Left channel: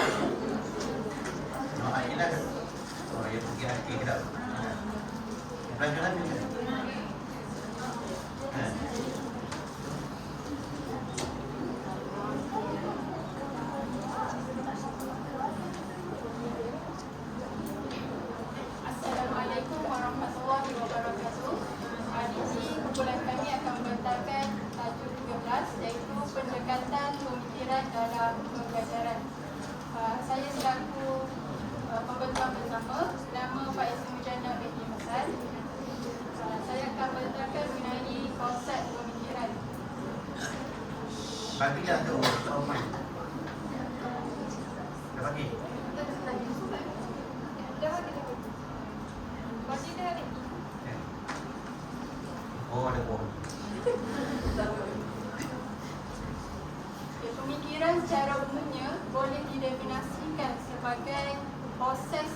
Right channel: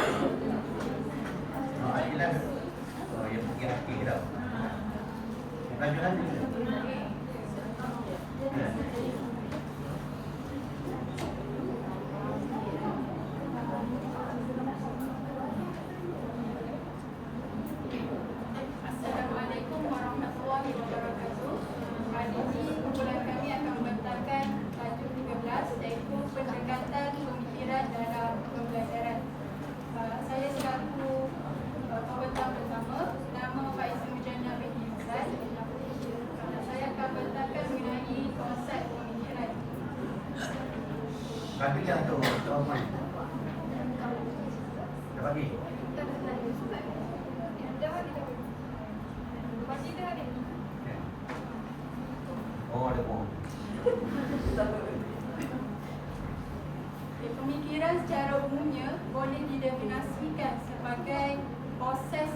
Adilah. Oh, yang pergi hati kita. Pelajaran macam mana? Assalamualaikum warahmatullahi wabarakatuh. Hari ini kumpulan kami akan membentangkan tajuk 13 iaitu pendekatan pemikiran dalam pembelajaran. Saya selaku pembentang pertama, nama Pak Ismail Mujana Behni Hasan. Saya akan membentangkan mengenai konsep pemikiran. Bagi dah tu, Oman. Dah bagi. Oh, ada pohon. Pemikiran secara umumnya boleh didefinisikan sebagai proses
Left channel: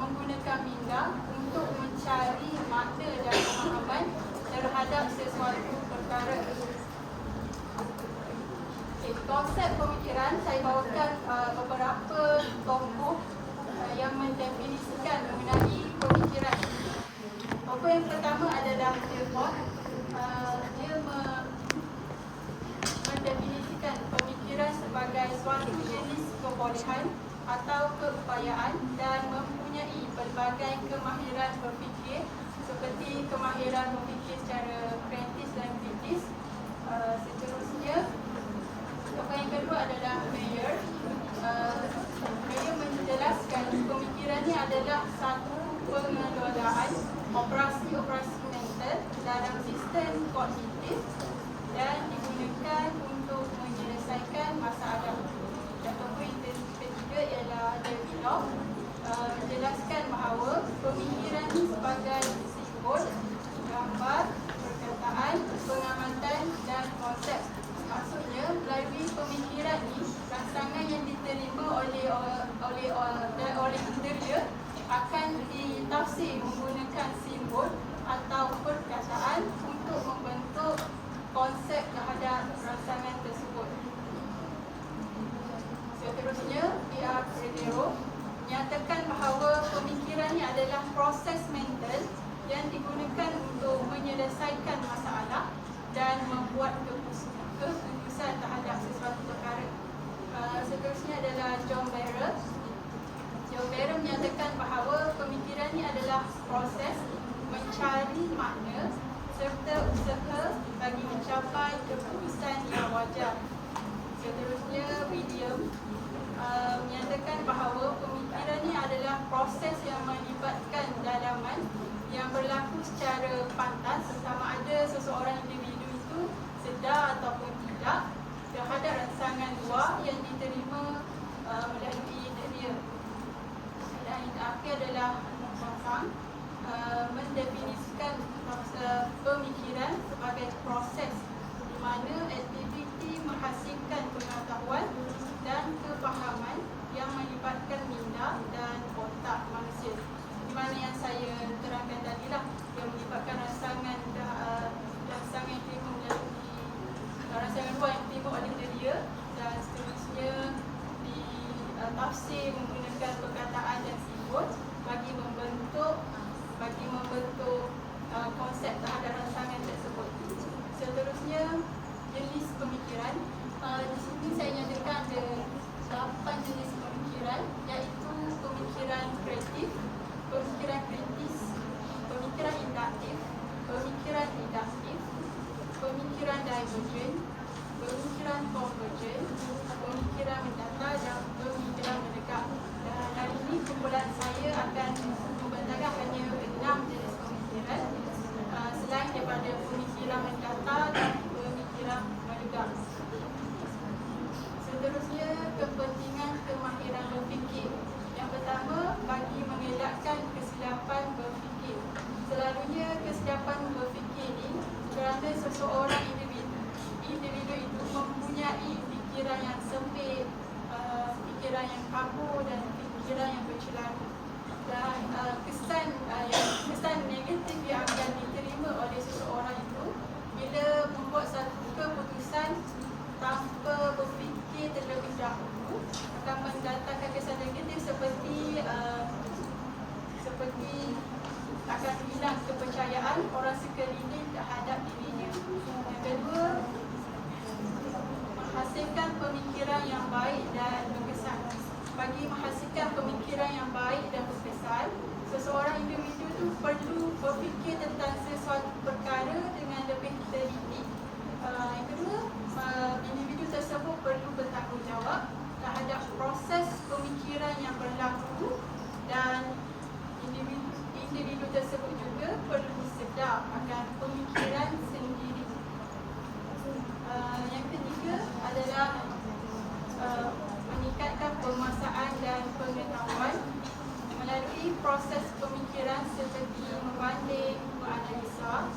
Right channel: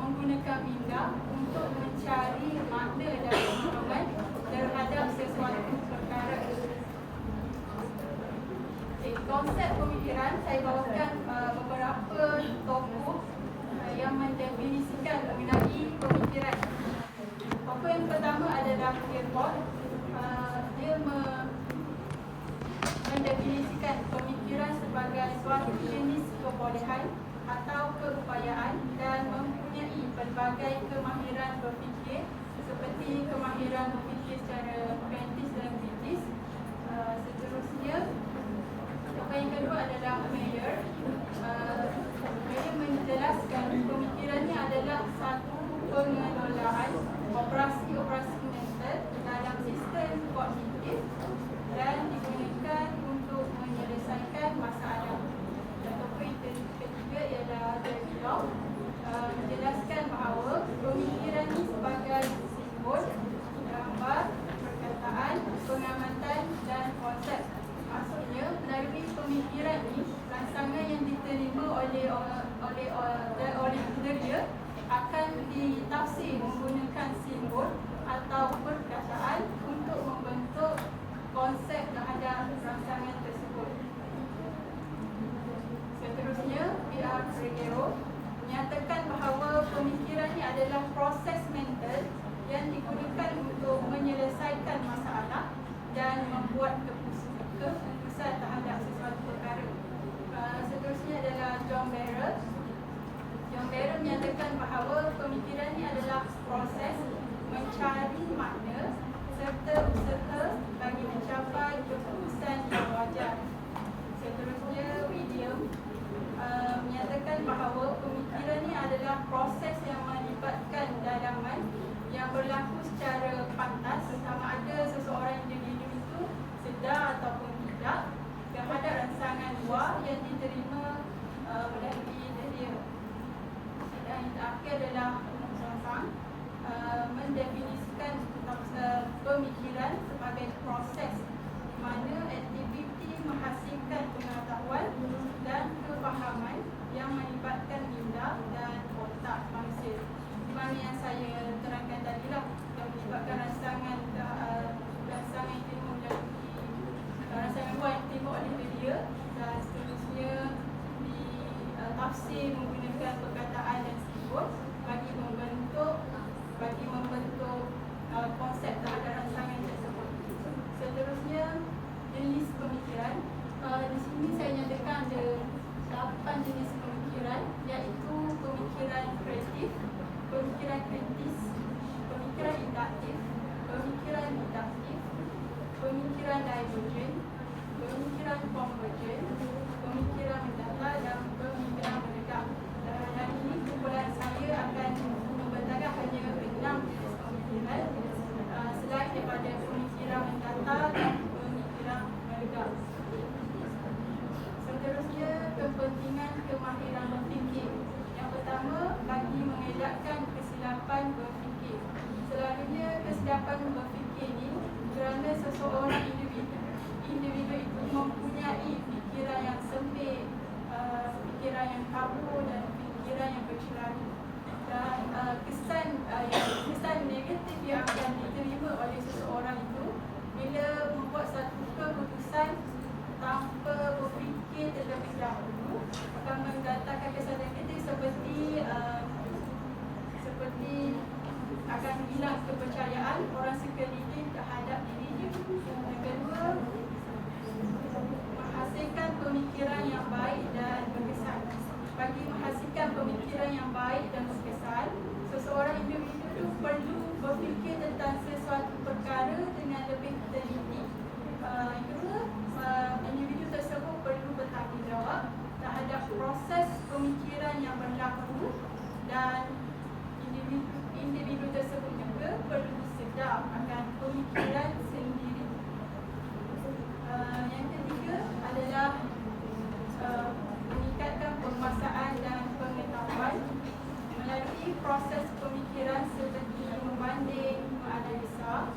menggunakan minda untuk mencari makna dan pemahaman terhadap sesuatu perkara. Konsep pemikiran saya bawakan beberapa tokoh yang mendefinisikan mengenai pemikiran. Tokoh yang pertama adalah Descartes. Dia mendefinisikan pemikiran sebagai suatu jenis kebolehan atau keupayaan dan mempunyai pelbagai kemahiran berfikir seperti kemahiran berfikir secara kritis dan kritis. Seterusnya, tokoh yang kedua adalah Mayer. Mayer menjelaskan pemikiran ini adalah satu pengelolaan operasi-operasi mental dalam sistem kognitif dan digunakan untuk menyelesaikan masalah. Dan tokoh yang ketiga ialah David Locke, menjelaskan bahawa pemikiran ini sebagai simbol, gambar, perkataan, pengamatan dan konsep. Maksudnya, melalui pemikiran ini, rangsangan yang diterima oleh interior akan ditafsir menggunakan simbol atau perkataan untuk membentuk konsep terhadap rangsangan tersebut. Seterusnya, Pierre Fredero menyatakan bahawa pemikiran ini adalah proses mental yang digunakan untuk menyelesaikan masalah dan membuat keputusan terhadap sesuatu perkara. Seterusnya adalah John Barrett. John Barrett menyatakan bahawa pemikiran ini adalah proses mencari makna serta usaha bagi mencapai keputusan yang wajar. Seterusnya, William menyatakan bahawa pemikiran ini adalah proses yang melibatkan dalaman yang berlaku secara pantas sama ada seseorang individu itu sedar ataupun tidak terhadap rangsangan luar yang diterima melalui dia. Dan yang terakhir adalah Sang mendefinisikan pemikiran sebagai proses di mana aktiviti menghasilkan pengetahuan dan kefahaman yang melibatkan minda dan otak manusia. Di mana yang saya terangkan tadi lah, yang melibatkan rangsangan yang diterima melalui rangsangan luar yang diterima oleh dia, dan seterusnya ditafsir menggunakan perkataan dan simbol bagi membentuk konsep terhadap rangsangan tersebut. Seterusnya, jenis pemikiran. Di sini saya nyatakan ada 8 jenis pemikiran, iaitu pemikiran kreatif, pemikiran kritis, pemikiran induktif, pemikiran deduktif, pemikiran divergent, pemikiran convergent, pemikiran mendata dan pemikiran mendekat. Dan hari ini kumpulan saya akan membentangkan hanya 6 jenis pemikiran selain daripada pemikiran mendata dan pemikiran mendekat. Seterusnya, kepentingan kemahiran berfikir. Yang pertama, bagi mengelakkan kesilapan berfikir. Selalunya kesilapan berfikir ini kerana seseorang individu itu mempunyai fikiran yang sempit, fikiran yang kabur dan fikiran yang bercelaru. Dan kesan negatif yang akan diterima oleh seseorang itu bila membuat satu keputusan tanpa berfikir terlebih dahulu akan mendatangkan pemikiran yang baik dan berkesan. Seseorang individu tu perlu berfikir tentang sesuatu perkara dengan lebih teliti. Yang kedua, individu tersebut perlu bertanggungjawab terhadap proses pemikiran yang berlaku, dan individu tersebut juga perlu sedar akan pemikiran sendiri. Yang ketiga adalah meningkatkan penguasaan dan pengetahuan melalui proses pemikiran seperti membanding, menganalisa,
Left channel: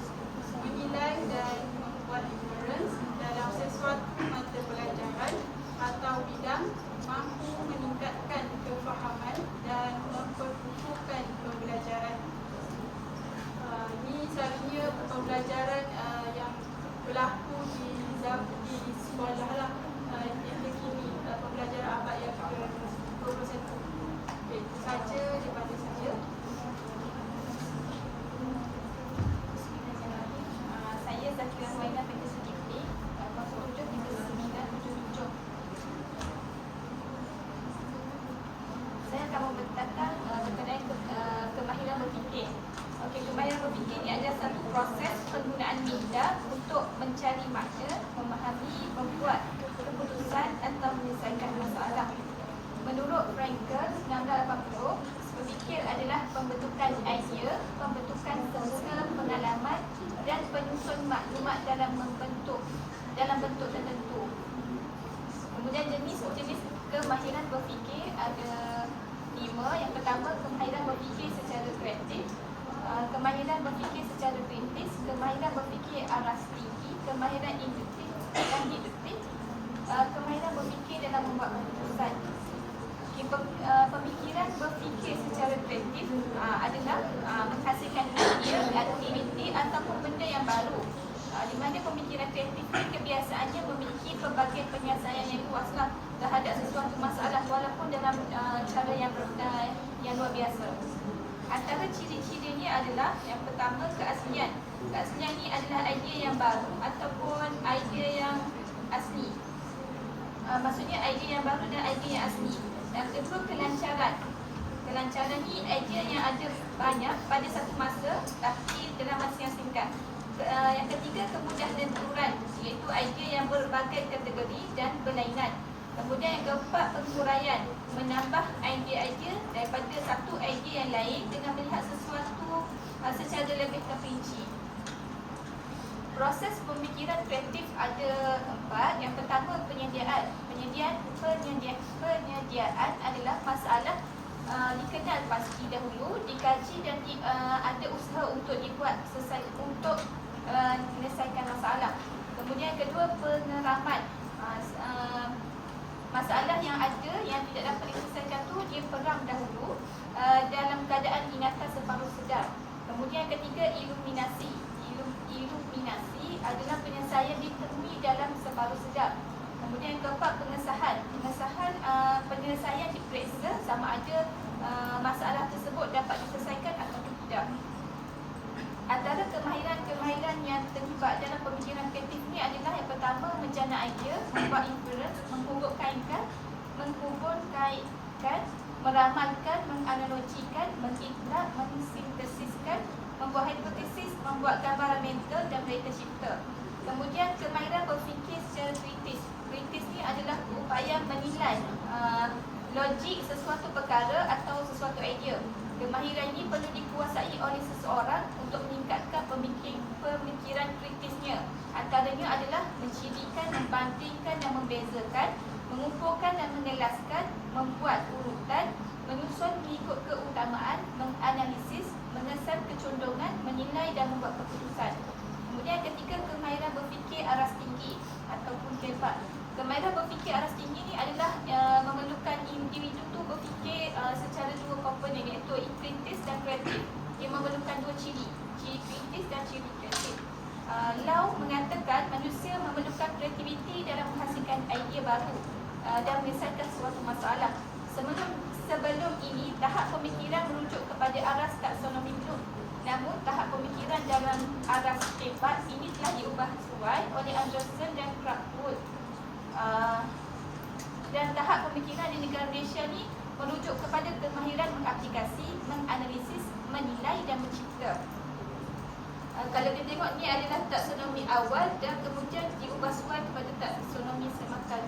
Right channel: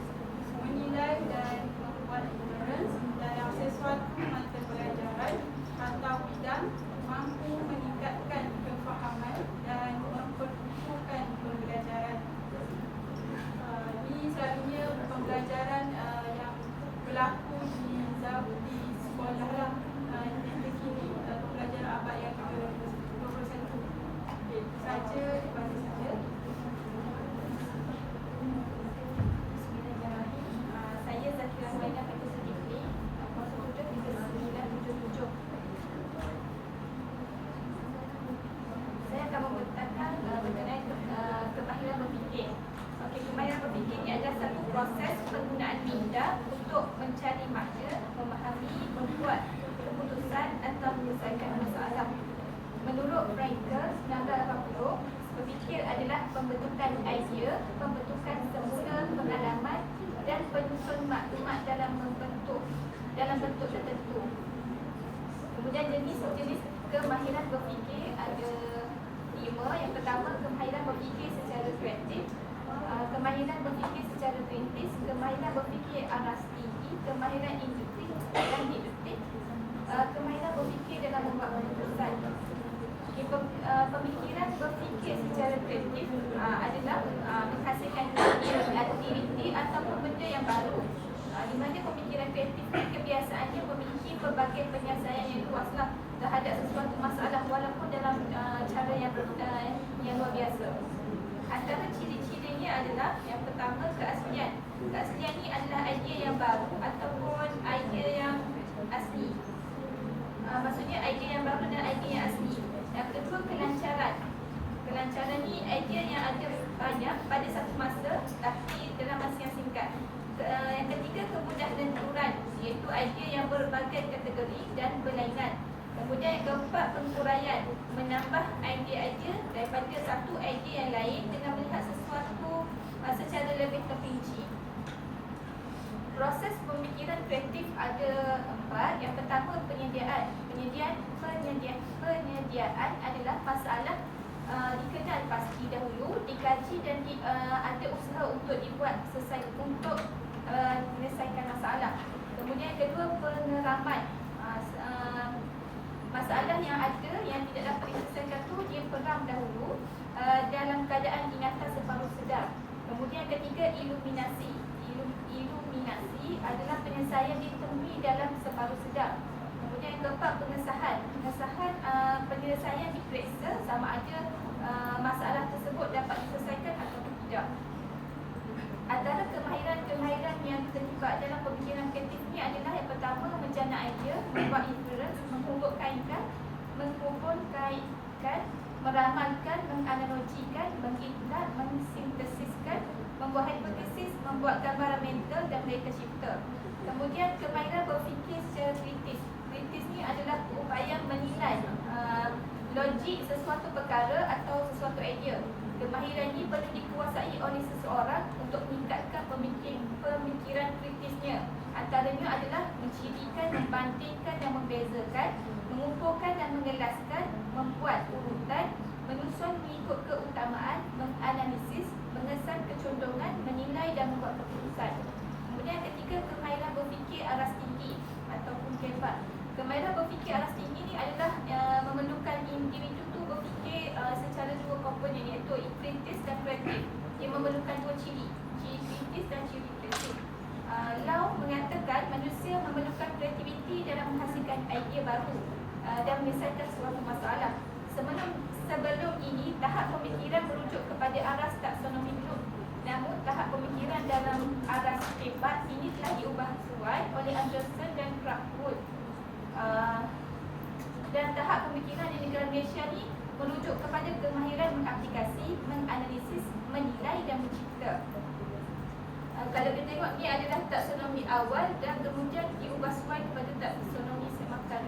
menilai dan membuat inference dalam sesuatu mata pelajaran atau bidang, mampu meningkatkan kefahaman dan memperkukuhkan pembelajaran. Ini selalunya pembelajaran yang berlaku di sekolah lah, yang kini pembelajaran abad yang ke-21. Okey, itu saja daripada saya. Bismillahirrahmanirrahim. Saya Zakira Huaina, Fakultas Teknik, Fakultas 977. Saya akan membentangkan mengenai kemahiran berfikir. Okey, kemahiran berfikir ini adalah satu proses penggunaan minda untuk mencari makna, memahami, membuat keputusan atau menyelesaikan masalah. Menurut Frankel 1980, berfikir adalah pembentukan idea, pembentukan semula pengalaman dan penyusun maklumat dalam bentuk tertentu. Kemudian jenis kemahiran berfikir ada 5. Yang pertama, kemahiran berfikir secara kreatif, kemahiran berfikir secara kritis, kemahiran berfikir aras tinggi, kemahiran induktif dan deduktif, kemahiran berfikir dalam membuat keputusan. Pemikiran berfikir secara kreatif adalah menghasilkan ide, aktiviti ataupun benda yang baru, di mana pemikiran kreatif ini kebiasaannya memiliki pelbagai penyelesaian yang luaslah terhadap sesuatu masalah walaupun dalam cara yang luar biasa. Antara ciri-cirinya adalah yang pertama, keaslian. Keaslian ini adalah idea yang baru ataupun idea yang asli. Maksudnya idea yang baru dan idea yang asli. Yang kedua, kelancaran. Kelancaran ni idea yang ada banyak pada satu masa tapi dalam masa yang singkat. Yang ketiga, kemudahan lenturan, iaitu idea yang berbagai kategori dan berlainan. Kemudian yang keempat, penguraian, menambah idea-idea daripada satu idea yang lain dengan melihat sesuatu secara lebih terperinci. Proses pemikiran kreatif ada 4. Yang pertama, penyediaan. Penyediaan adalah masalah dikenal pasti dahulu, dikaji dan ada usaha untuk dibuat untuk menyelesaikan masalah. Kemudian yang kedua, pengeraman. Masalah yang ada yang tidak dapat diselesaikan tu dia peram dahulu dalam keadaan ingatan separuh sedar. Kemudian yang ketiga, iluminasi. Iluminasi adalah penyelesaian ditemui dalam separuh sedar. Kemudian yang keempat, pengesahan. Penyelesaian diperiksa sama ada masalah tersebut dapat diselesaikan atau tidak. Antara kemahiran yang terlibat dalam pemikiran kreatif ini adalah yang pertama, menjana idea, membuat inference, menghubung-kaitkan, meramalkan, menganalogikan, mengiklat, mensintesiskan, membuat hipotesis, membuat gambaran mental dan data shifter. Kemudian kemahiran berfikir secara kritis. Kritis ni adalah upaya menilai logik sesuatu perkara atau sesuatu idea. Kemahiran ini perlu dikuasai oleh seseorang untuk meningkatkan pemikiran kritisnya. Antaranya adalah mencirikan, membandingkan dan membezakan, mengumpulkan dan mengelaskan, membuat urutan, menyusun mengikut keutamaan, menganalisis, mengesan kecondongan, menilai dan membuat keputusan. Kemudian ketiga, kemahiran berfikir aras tinggi ataupun kebat. Kemahiran berfikir aras tinggi ni adalah memerlukan individu tu berfikir secara dua komponen, iaitu kritis dan kreatif. Dia memerlukan dua ciri kritis dan ciri kreatif. Lau mengatakan manusia memerlukan kreativiti dalam menghasilkan idea baru dan menyelesaikan suatu masalah. Sebelum ini, tahap pemikiran merujuk kepada aras taksonomi Bloom. Namun, tahap pemikiran dalam aras kebat ini telah diubah sesuai oleh Anderson dan Kraftwood. Dan tahap pemikiran di negara Malaysia ni merujuk kepada kemahiran mengaplikasi, menganalisis, menilai dan mencipta. Kalau kita tengok ni adalah taksonomi awal dan kemudian diubah semua kepada taksonomi semakan.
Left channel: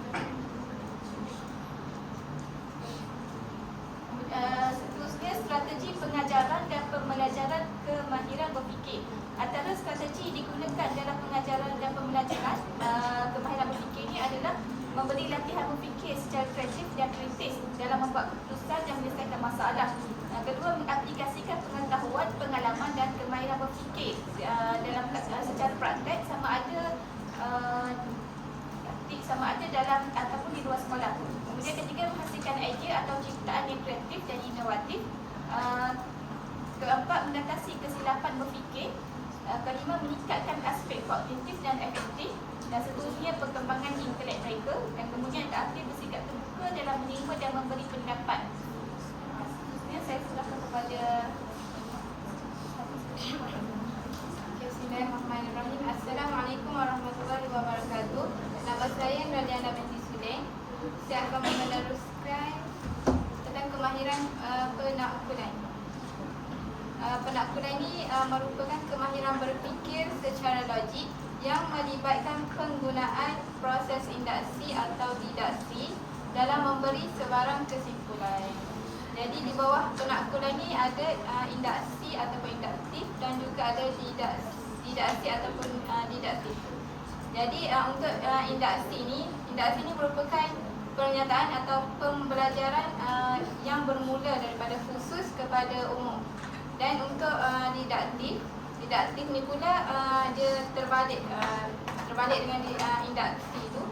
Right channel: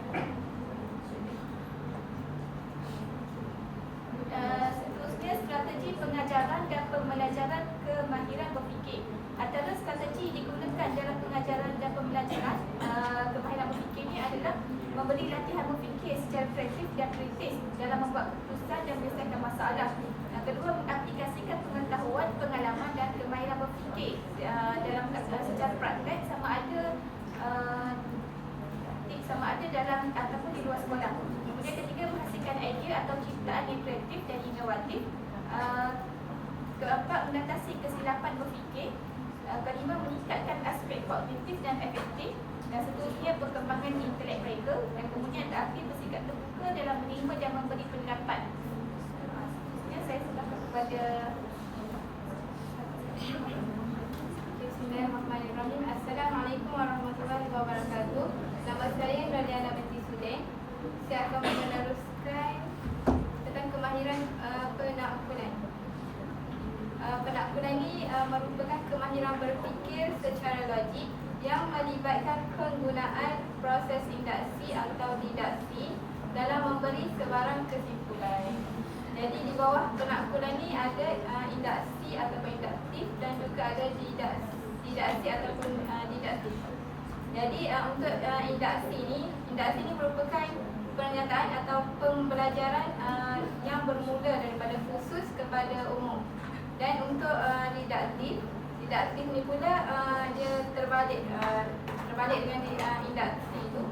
Seterusnya, strategi pengajaran dan pembelajaran kemahiran berfikir. Antara strategi digunakan dalam pengajaran dan pembelajaran kemahiran berfikir ni adalah memberi latihan berfikir secara kreatif dan kritis dalam membuat keputusan dan menyelesaikan masalah. Kedua, mengaplikasikan pengetahuan, pengalaman dan kemahiran berfikir dalam secara praktik sama ada dalam ataupun di luar sekolah. Kemudian ketiga, menghasilkan idea atau ciptaan yang kreatif dan inovatif. Keempat, mengatasi kesilapan berfikir. Kelima, meningkatkan aspek kognitif dan efektif. Dan seterusnya, perkembangan intelek mereka. Dan kemudian terakhir, bersikap terbuka dalam menerima dan memberi pendapat. Seterusnya, saya silakan kepada Bismillahirrahmanirrahim. Assalamualaikum warahmatullahi wabarakatuh. Nama saya Nurliana binti Sulaim. Saya akan meneruskan tentang kemahiran penaklukan. Penaklukan ini merupakan kemahiran berfikir secara logik yang melibatkan penggunaan proses induksi atau didaksi dalam memberi sebarang kesimpulan. Jadi di bawah penaklukan ini ada induksi ataupun induktif dan juga ada didaksi ataupun didaktif. Jadi untuk induksi ini merupakan pernyataan atau pembelajaran yang bermula daripada khusus kepada umum. Dan untuk didaktif ni pula dia terbalik dengan induksi itu.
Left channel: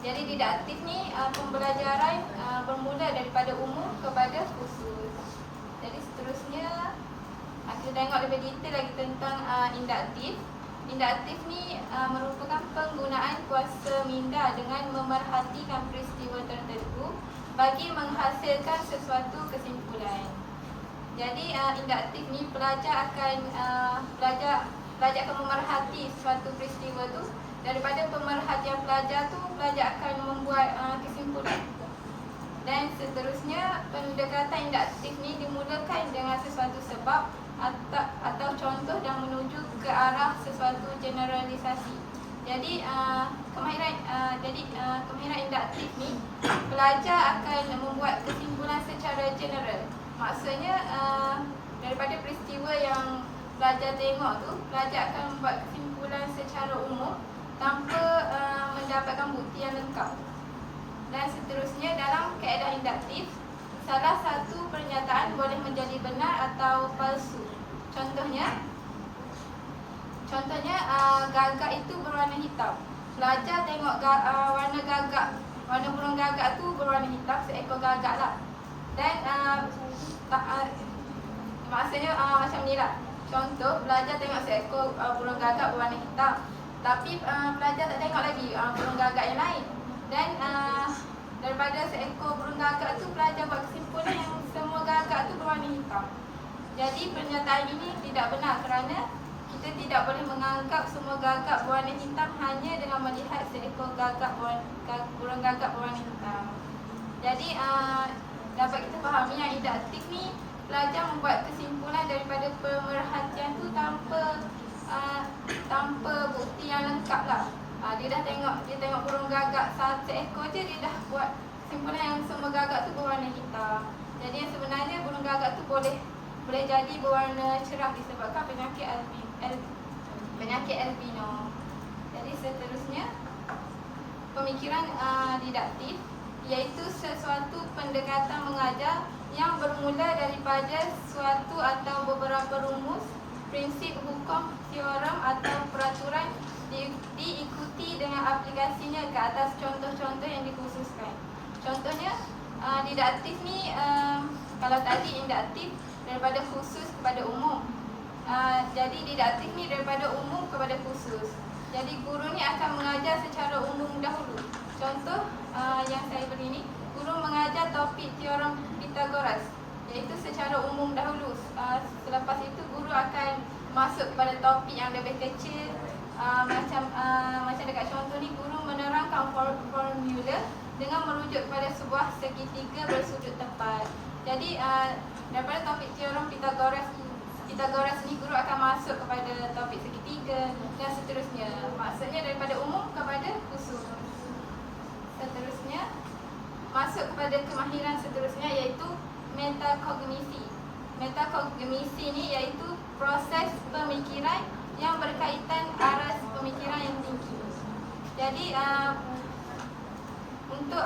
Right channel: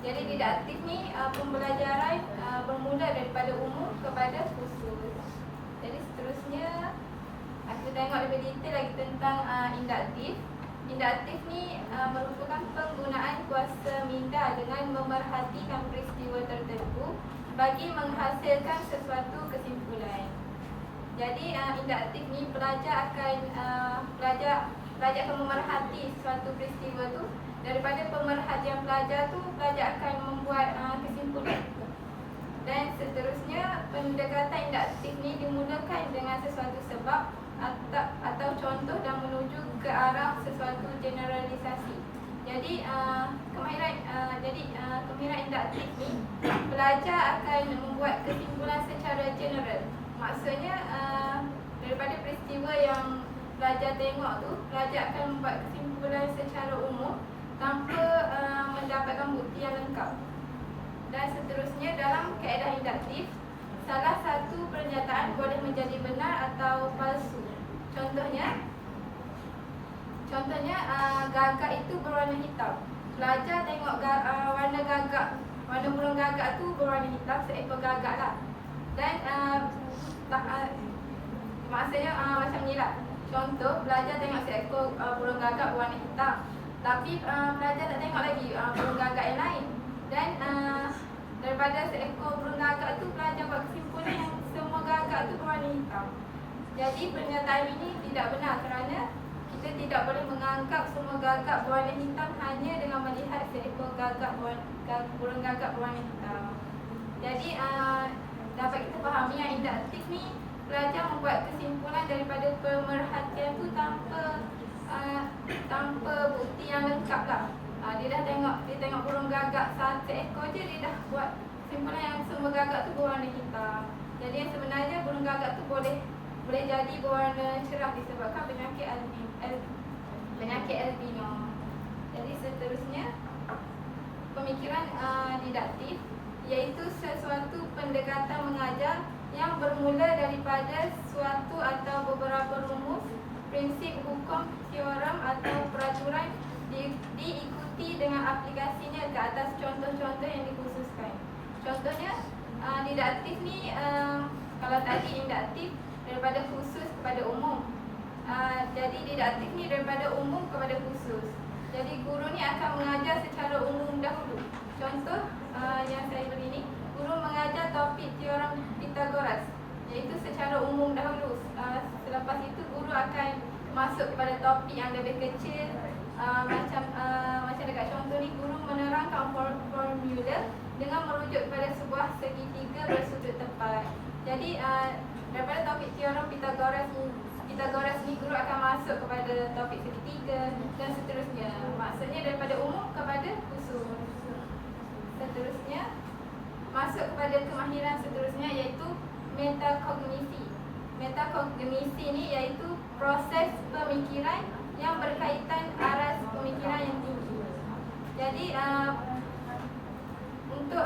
Jadi didaktif ni pembelajaran bermula daripada umum kepada khusus. Jadi seterusnya kita tengok lebih detail lagi tentang induktif. Induktif ni merupakan penggunaan kuasa minda dengan memerhatikan peristiwa tertentu bagi menghasilkan sesuatu kesimpulan. Jadi induktif ni pelajar akan memerhati sesuatu peristiwa tu. Daripada pemerhatian pelajar tu, pelajar akan membuat kesimpulan. Dan seterusnya, pendekatan induktif ni dimulakan dengan sesuatu sebab atau contoh dan menuju ke arah sesuatu generalisasi. Jadi kemahiran induktif ni, pelajar akan membuat kesimpulan secara general. Maksudnya daripada peristiwa yang pelajar tengok tu, pelajar akan membuat kesimpulan secara umum tanpa mendapatkan bukti yang lengkap. Dan seterusnya, dalam kaedah induktif, salah satu pernyataan boleh menjadi benar atau palsu. Contohnya gagak itu berwarna hitam. Pelajar tengok warna burung gagak tu berwarna hitam, seekor gagak lah. Dan maksudnya macam ni lah. Contoh, pelajar tengok seekor burung gagak berwarna hitam, tapi pelajar tak tengok lagi burung gagak yang lain. Dan daripada seekor burung gagak tu, pelajar buat kesimpulan yang semua gagak tu berwarna hitam. Jadi pernyataan ini tidak benar kerana kita tidak boleh menganggap semua gagak berwarna hitam hanya dengan melihat seekor burung gagak berwarna hitam. Jadi dapat kita fahami yang induktif ni, pelajar membuat kesimpulan daripada pemerhatian tu tanpa bukti yang lengkap lah. Dia tengok burung gagak seekor je, dia dah buat kesimpulan yang semua gagak tu berwarna hitam. Jadi yang sebenarnya burung gagak tu boleh jadi berwarna cerah disebabkan penyakit albino. Jadi seterusnya, pemikiran didaktif iaitu sesuatu pendekatan mengajar yang bermula daripada suatu atau beberapa rumus, prinsip, hukum, teorem atau peraturan diikuti dengan aplikasinya ke atas contoh-contoh yang dikhususkan. Contohnya, didaktif ni kalau tadi induktif daripada khusus kepada umum. Jadi didaktif ni daripada umum kepada khusus. Jadi guru ni akan mengajar secara umum dahulu. Contoh yang saya beri ni, guru mengajar topik teorem Pythagoras, iaitu secara umum dahulu. Selepas itu guru akan masuk pada topik yang lebih kecil. Macam dekat contoh ni, guru menerangkan formula dengan merujuk kepada sebuah segitiga bersudut tepat. Jadi daripada topik teorem Pythagoras ni guru akan masuk kepada topik segitiga dan seterusnya. Maksudnya daripada umum kepada khusus. Seterusnya masuk kepada kemahiran seterusnya iaitu metakognisi. Metakognisi ni iaitu proses pemikiran yang berkaitan aras pemikiran yang tinggi. Jadi untuk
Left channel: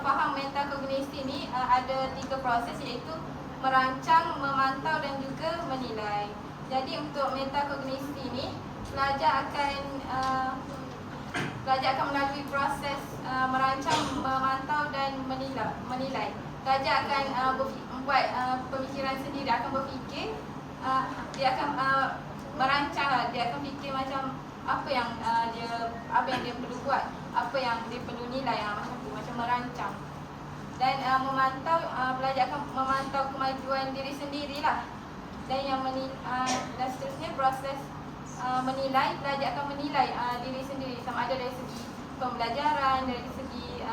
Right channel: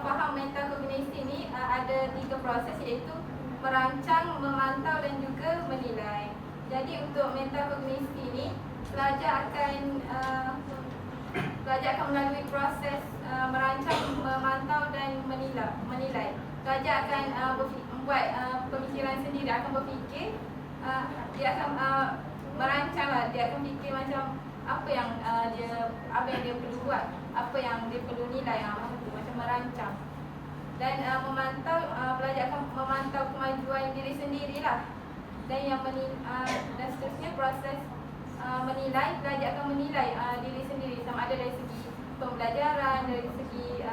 faham metakognisi ni ada 3 proses iaitu merancang, memantau dan juga menilai. Jadi untuk metakognisi ni pelajar akan melalui proses merancang, memantau dan menilai. Pelajar akan membuat pemikiran sendiri, dia akan berfikir, dia akan merancang, dia akan fikir macam apa yang dia perlu buat, apa yang dia perlu nilai, macam merancang. Dan memantau, pelajar akan memantau kemajuan diri sendirilah. Dan dan seterusnya proses menilai, pelajar akan menilai diri sendiri sama ada dari segi pembelajaran, dari segi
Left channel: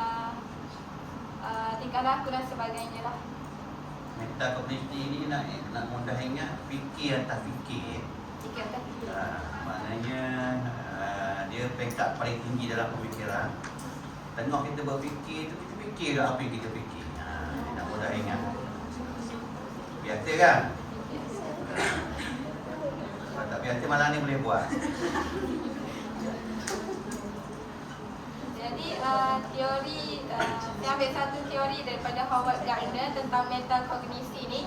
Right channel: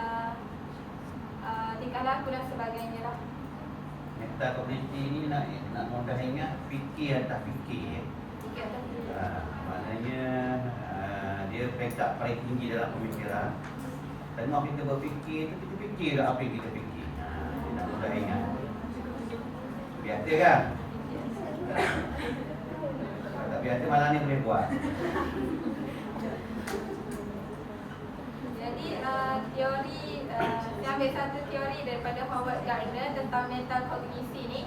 tingkah laku dan sebagainya lah. Metakognisi ni nak mudah ingat fikir atas fikir. Maknanya dia peringkat paling tinggi dalam pemikiran. Tengah kita berfikir tu, kita fikir apa yang kita fikir. Nak mudah ingat. Biasa kan? Kalau tak biasa malam ni boleh buat. Jadi teori, saya ambil satu teori daripada Howard Gardner tentang metakognisi ni,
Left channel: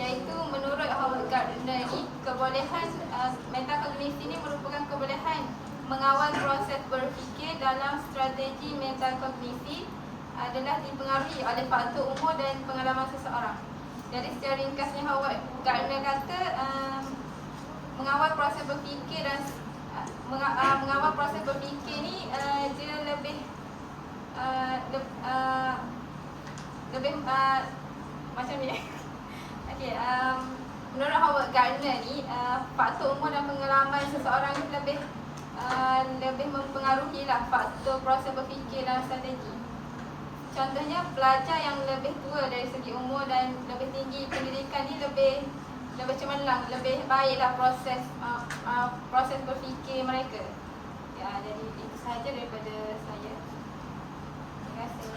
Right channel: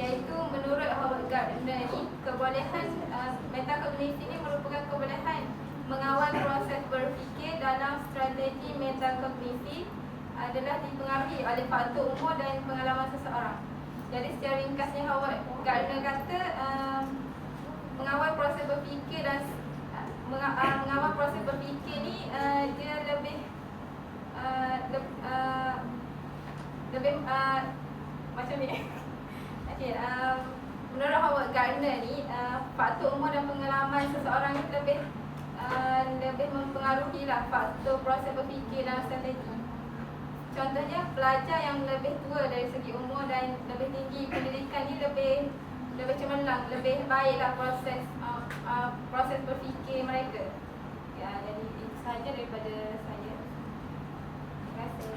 iaitu menurut Howard Gardner ni, kebolehan metakognisi ni merupakan kebolehan mengawal proses berfikir dalam strategi metakognisi adalah dipengaruhi oleh faktor umur dan pengalaman seseorang. Jadi secara ringkasnya Howard Gardner kata mengawal proses berfikir dan mengawal proses berfikir ni dia lebih macam ni. Okey, menurut Howard Gardner ni faktor umur dan pengalaman seseorang ni lebih mempengaruhi lah faktor proses berfikir dan strategi. Contohnya pelajar yang lebih tua dari segi umur dan lebih tinggi pendidikan ni lebih cemerlang, lebih baiklah proses berfikir mereka. Ya, jadi itu sahaja daripada saya. Terima kasih.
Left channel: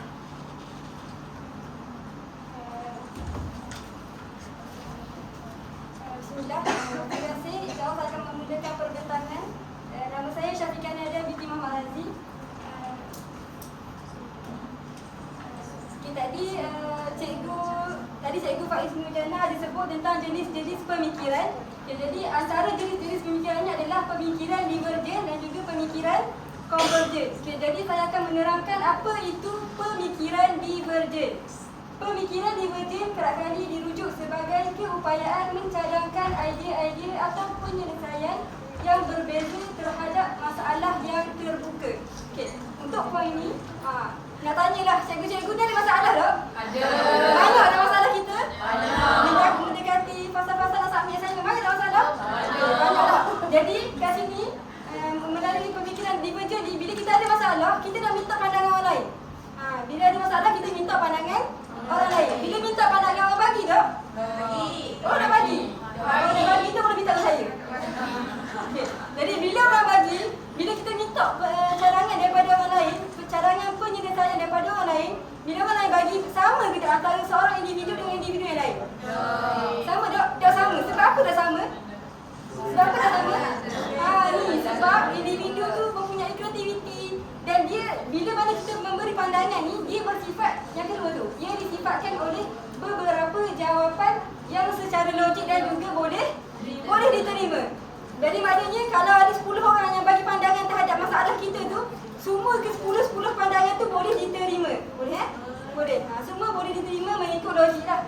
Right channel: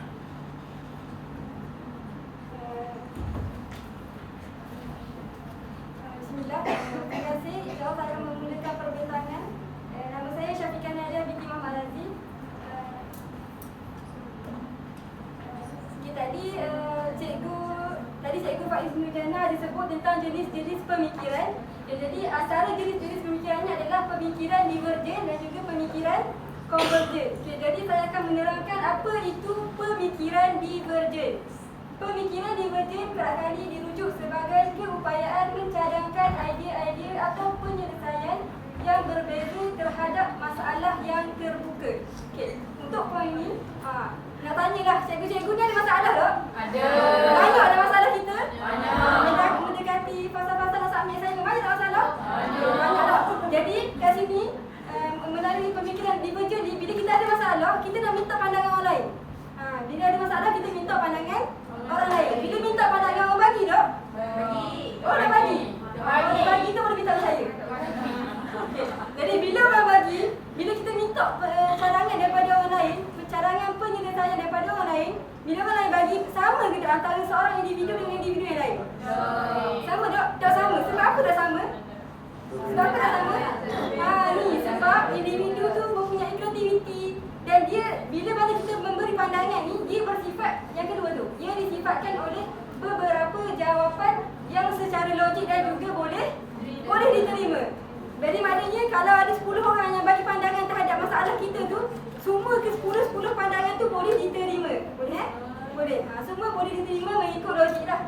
Bismillah. Terima kasih. Saya akan memulakan perbincangan. Nama saya Syafiqah Nadia binti Muhammad Razi. Tadi cikgu Faiz Nurdana disebut tentang jenis-jenis pemikiran. Jadi antara jenis-jenis pemikiran ini adalah pemikiran divergen dan juga pemikiran konvergen. Jadi saya akan menerangkan apa itu pemikiran divergen. Pemikiran divergen kerap kali dirujuk sebagai keupayaan mencadangkan idea-idea atau penyelesaian yang berbeza terhadap masalah yang terbuka. Untuk poin ini, nak tanyalah, cikgu-cikgu ni ada masalah tak? Ada. Banyak ada masalah kita? Ada. Mendekati fasa-fasa nak submit assignment, banyak tak masalah? Ada. Banyak tak? Jadi kat sini, melalui pemikiran divergen, bila kita ada masalah, kita nak minta pandangan orang lain. Bila ada masalah, kita minta pandangan orang lain. Bila minta pandangan orang bagi tak? Bagi. Oh, nak bagi? Orang bagi tu boleh minta ke saya? Jadi bila orang bagi, bila kita minta cadangan daripada orang lain, cadangan penyelesaian daripada orang lain, bila orang lain bagi, sama ke tak antara seorang individu dengan individu yang lain? Sama tak? Tak sama. Sebab apa tak sama? Sebab apa tak sama? Ni sebab individu tu mempunyai kreativiti dan dia bila mana kita memberi pandangan ni, dia bersifat yang kedua tu. Ia disifatkan oleh beberapa jawapan yang secara logik dan juga boleh diterima. Jadi maknanya kalau ada 10 orang yang bagi pandangan terhadap masalah kita tu, semua ke 10 pandangan tu boleh diterima. Boleh Boleh. Semua boleh diterima mengikut logik lah.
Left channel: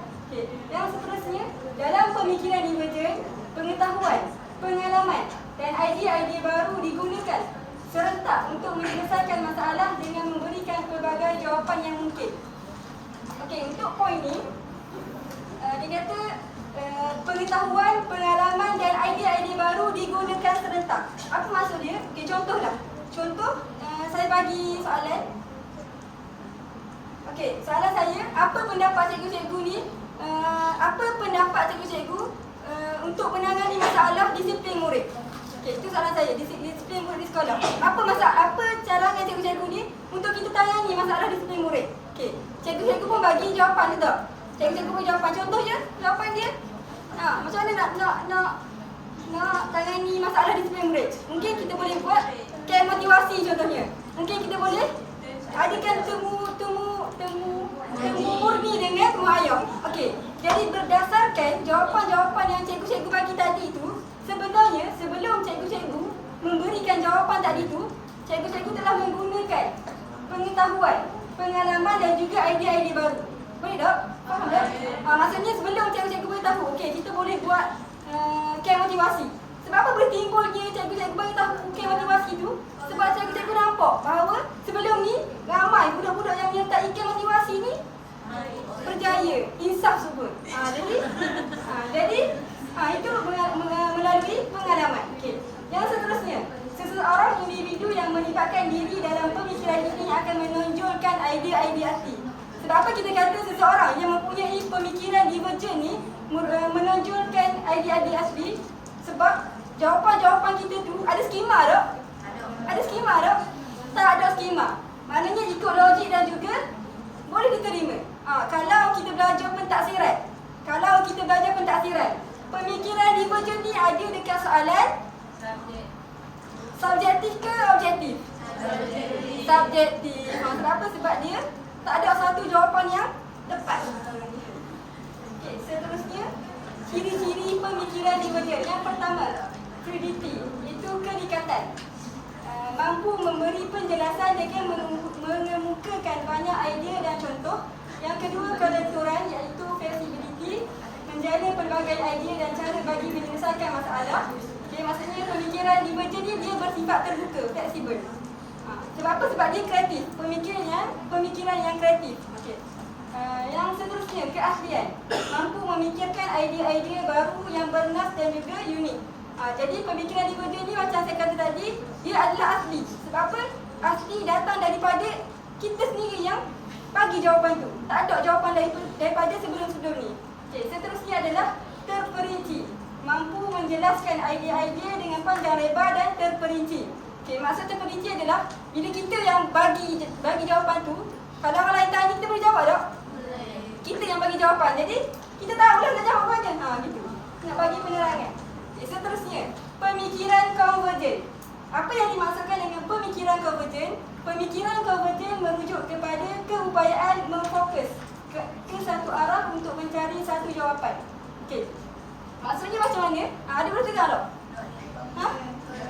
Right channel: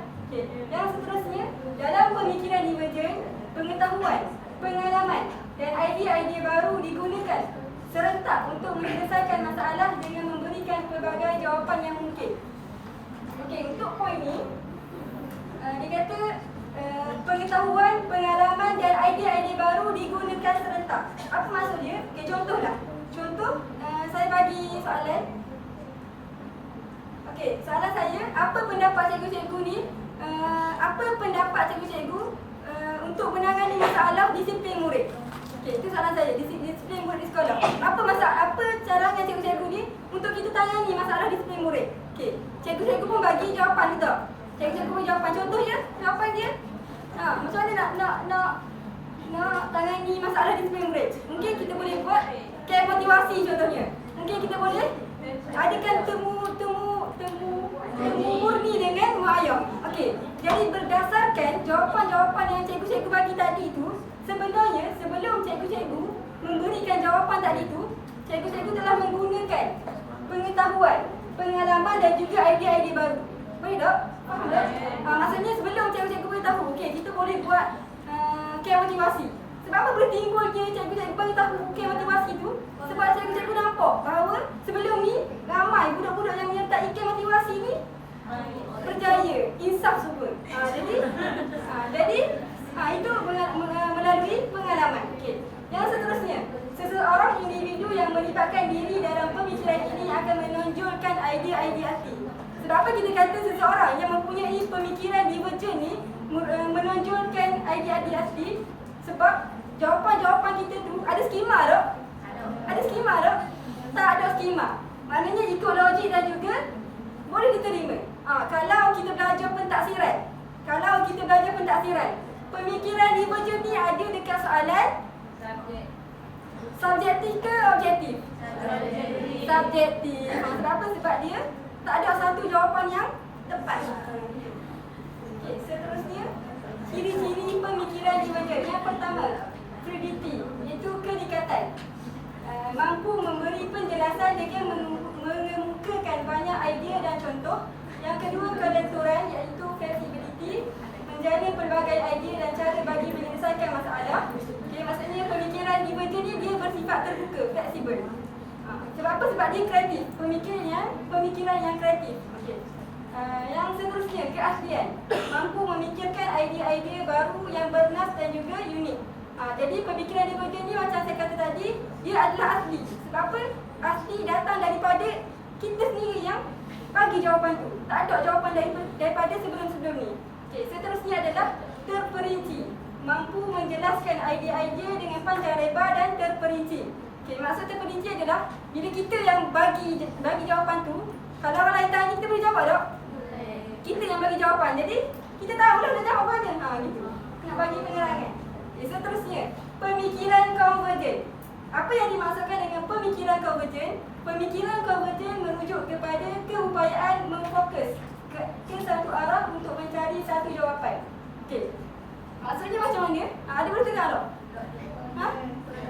Yang seterusnya, dalam pemikiran divergen, pengetahuan, pengalaman dan idea-idea baru digunakan serentak untuk menyelesaikan masalah dengan memberikan pelbagai jawapan yang mungkin. Okey, untuk poin ni, dia kata pengetahuan, pengalaman dan idea-idea baru digunakan serentak. Apa maksud dia? Okey, contohlah. Contoh, saya bagi soalan. Okey, soalan saya, apa pendapat cikgu-cikgu ni? Apa pendapat cikgu-cikgu untuk menangani masalah disiplin murid? Okey, itu soalan saya, disiplin murid di sekolah. Apa carangan cikgu-cikgu ni untuk kita tangani masalah disiplin murid? Okey, cikgu-cikgu pun bagi jawapan ke tak? Cikgu-cikgu bagi jawapan. Contoh je jawapan dia. Macam mana nak tangani masalah disiplin murid? Mungkin kita boleh buat camp motivasi contohnya. Mungkin kita boleh adakan temu murni dengan mak ayah. Okey, jadi berdasarkan jawapan-jawapan yang cikgu-cikgu bagi tadi itu, sebenarnya sebelum cikgu-cikgu memberikan jawapan tadi itu, cikgu-cikgu telah menggunakan pengetahuan, pengalaman dan juga idea-idea baru. Boleh tak? Faham tak? Maksudnya sebelum cikgu-cikgu beritahu, okey, kita boleh buat camp motivasi. Sebab apa boleh timbul cikgu-cikgu beritahu camp motivasi tu? Sebab cikgu-cikgu nampak bahawa sebelum ni ramai budak-budak yang menyertai camp motivasi ni berjaya, insaf semua. Jadi itu melalui pengalaman. Okey. Yang seterusnya, seseorang individu yang melibatkan diri dalam pemikiran ini akan menonjolkan idea-idea asli. Sebab apa kita kata seseorang yang mempunyai pemikiran divergen ni menonjolkan idea-idea asli? Sebab jawapan-jawapan kita tu ada skema tak? Ada skema tak? Tak ada skema. Maknanya ikut logik dan juga boleh diterima. Kalau kita belajar pentaksiran, pemikiran divergen ni ada dekat soalan subjektif ke objektif? Subjektif. Sebab apa? Sebab dia tak ada satu jawapan yang tepat. Okay, seterusnya, ciri-ciri pemikiran divergen. Yang pertama, fluidity, iaitu kenikatan. Mampu memberi penjelasan dengan mengemukakan banyak idea dan contoh. Yang kedua, kelenturan, iaitu flexibility, menjana pelbagai idea dan cara bagi menyelesaikan masalah. Okay, maksudnya pemikiran divergen ni dia bersifat terbuka, fleksibel. Sebab apa? Sebab dia kreatif, pemikiran yang kreatif. Okay. Yang seterusnya, keaslian, mampu memikirkan idea-idea baru yang bernas dan juga unik. Jadi pemikiran divergen ni macam saya kata tadi, dia adalah asli. Sebab apa? Asli datang daripada kita sendiri yang bagi jawapan tu. Tak ada jawapan daripada sebelum-sebelum ni. Okay, seterusnya adalah terperinci, mampu menjelaskan idea-idea dengan panjang lebar dan terperinci. Okay, maksud terperinci adalah bila kita yang bagi jawapan tu, kalau orang lain tanya kita boleh jawab tak? Kita yang bagi jawapan. Jadi kita tahulah nak jawab mana. Gitu. Nak bagi penerangan. Okay, seterusnya, pemikiran konvergen. Apa yang dimaksudkan dengan pemikiran konvergen? Pemikiran konvergen merujuk kepada keupayaan memfokus ke satu arah untuk mencari satu jawapan. Okey. Maksudnya macam mana? Ada boleh dengar tak?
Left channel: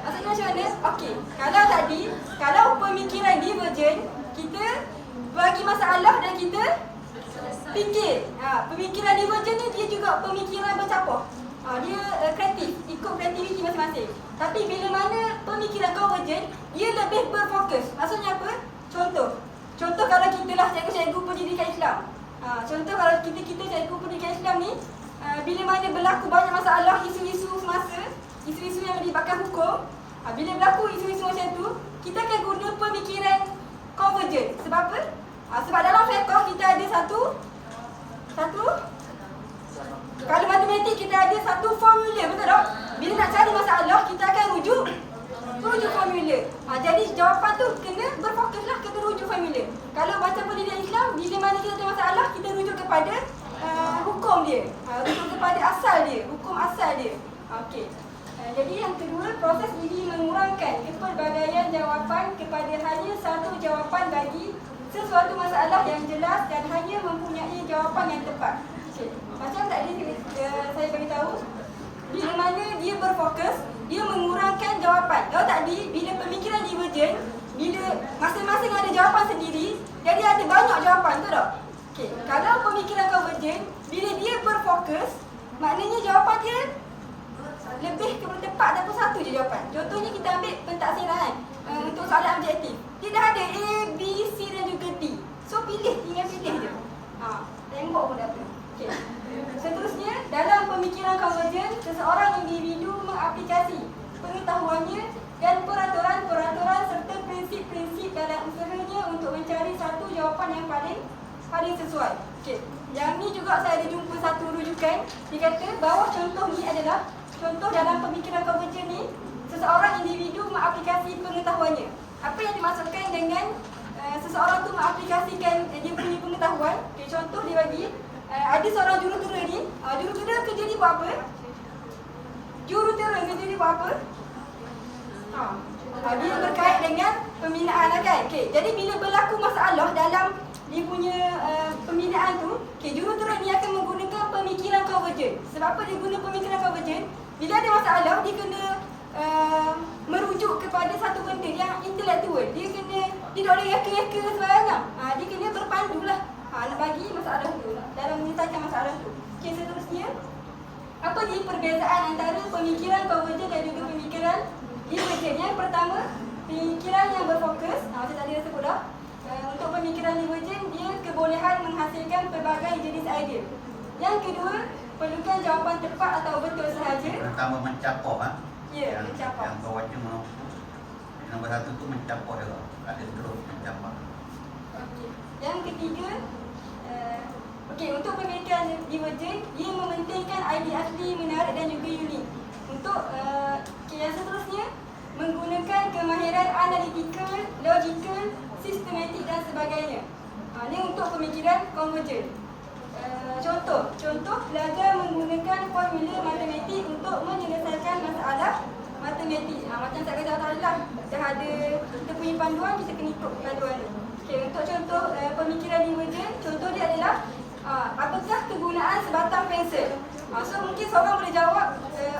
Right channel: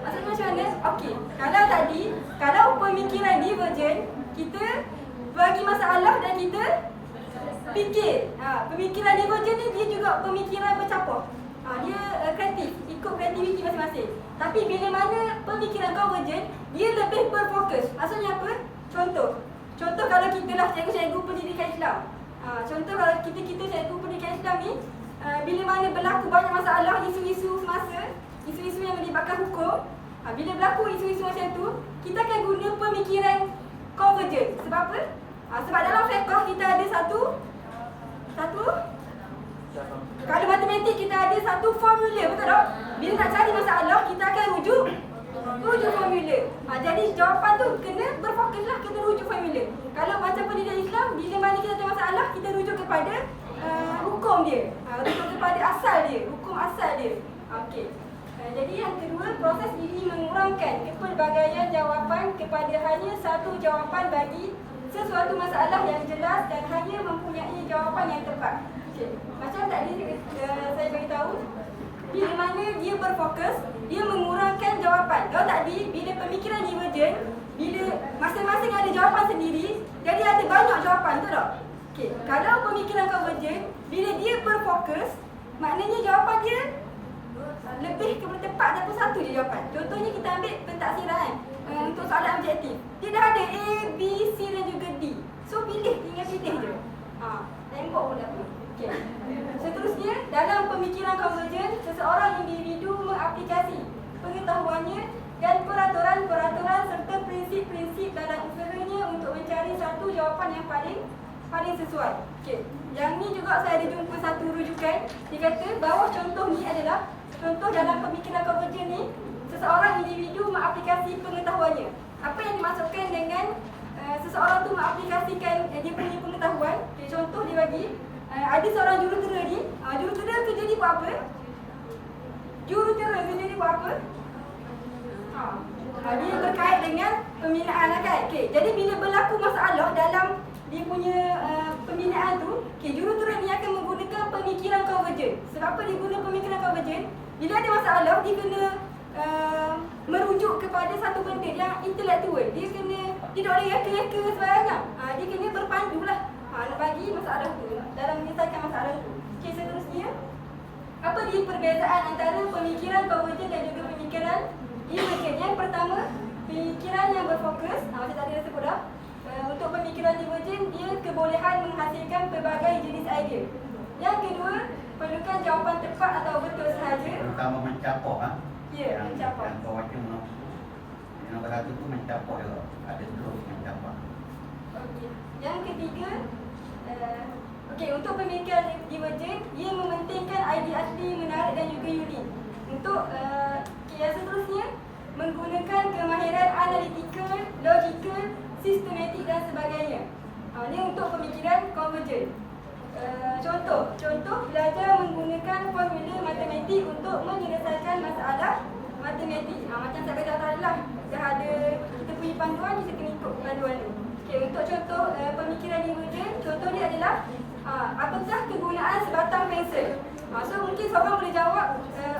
Maksudnya macam mana? Okey. Kalau pemikiran divergen, kita bagi masalah dan kita fikir. Pemikiran divergen ni dia juga pemikiran bercampur. Dia kreatif, ikut kreativiti masing-masing. Tapi bila mana pemikiran konvergen, dia lebih berfokus. Maksudnya apa? Contoh kalau kita lah cikgu-cikgu pendidikan Islam. Contoh kalau kita cikgu pendidikan Islam ni, bila mana berlaku banyak masalah, isu-isu semasa, isu-isu yang melibatkan hukum, bila berlaku isu-isu macam tu, kita akan guna pemikiran konvergen. Sebab apa? Sebab dalam fiqh kita ada satu kalau matematik kita ada satu formula, betul tak? Bila nak cari masalah, kita akan rujuk formula. Jadi jawapan tu kena berfokuslah, kena rujuk formula. Kalau baca pendidikan Islam, bila mana kita ada masalah, kita rujuk kepada hukum dia, rujuk kepada asal dia, hukum asal dia. Okey. Jadi yang kedua, proses ini mengurangkan kepelbagaian jawapan kepada hanya satu jawapan bagi sesuatu masalah yang jelas dan hanya mempunyai jawapan yang tepat. Macam tadi saya beritahu, bila mana dia berfokus, dia mengurangkan jawapan. Kalau tadi, bila pemikiran divergen, bila masing-masing ada jawapan sendiri, jadi ada banyak jawapan, betul tak? Okay. Kalau pemikiran konvergen, bila dia berfokus, maknanya jawapan dia lebih tepat dapat satu je jawapan. Contohnya kita ambil pentaksiran untuk soalan objektif. Dia dah ada A, B, C dan juga D. So tinggal pilih je. Tembok pun dapat. Okay. Seterusnya, dalam pemikiran konvergen, seseorang individu mengaplikasi pengetahuannya dan peraturan-peraturan serta prinsip-prinsip dalam usahanya untuk mencari satu jawapan yang paling pada yang sesuai. Okey. Yang ni juga saya ada jumpa satu rujukan. Dia kata bawah contoh ni adalah contoh dalam pemikiran konvergen ni, seseorang individu mengaplikasi pengetahuannya. Apa yang dimaksudkan dengan seseorang tu mengaplikasikan dia punya pengetahuan? Okay, contoh dia bagi ada seorang jurutera ni, jurutera kerja dia buat apa? Jurutera kerja dia buat apa? Dia berkait dengan pembinaan lah kan? Okay, jadi bila berlaku masalah dalam dia punya pembinaan tu, okay, jurutera ni akan menggunakan pemikiran konvergen. Sebab apa dia guna pemikiran konvergen? Bila ada masalah, dia kena merujuk kepada satu benda yang intelektual. Dia tak boleh reka-reka sembarangan. Dia kena berpandu lah nak bagi masalah tu, dalam menyelesaikan masalah tu. Okay, seterusnya, apa dia perbezaan antara pemikiran konvergen dan juga pemikiran divergen? Yang pertama, pemikiran yang berfokus, macam tadi dah sebut dah. Untuk pemikiran divergen, dia kebolehan menghasilkan pelbagai jenis idea. Yang kedua, perlukan jawapan tepat atau betul sahaja. Pertama mencapak Ya, mencapak. Yang kau baca nombor satu tu mencapak dia. Ada terus mencapak. Okey. Yang ketiga, untuk pemikiran divergen, dia mementingkan idea asli, menarik dan juga unik. Untuk yang seterusnya, menggunakan kemahiran analitikal, logikal, sistematik dan sebagainya. Ini untuk pemikiran konvergen. Contoh belajar menggunakan formula matematik untuk menyelesaikan masalah matematik. Macam saya beritahu tadi lah, dah ada kita punya panduan, kita kena ikut panduan ni. Okay, untuk contoh pemikiran divergen, contoh dia adalah apakah kegunaan sebatang pensel? So mungkin seorang boleh jawab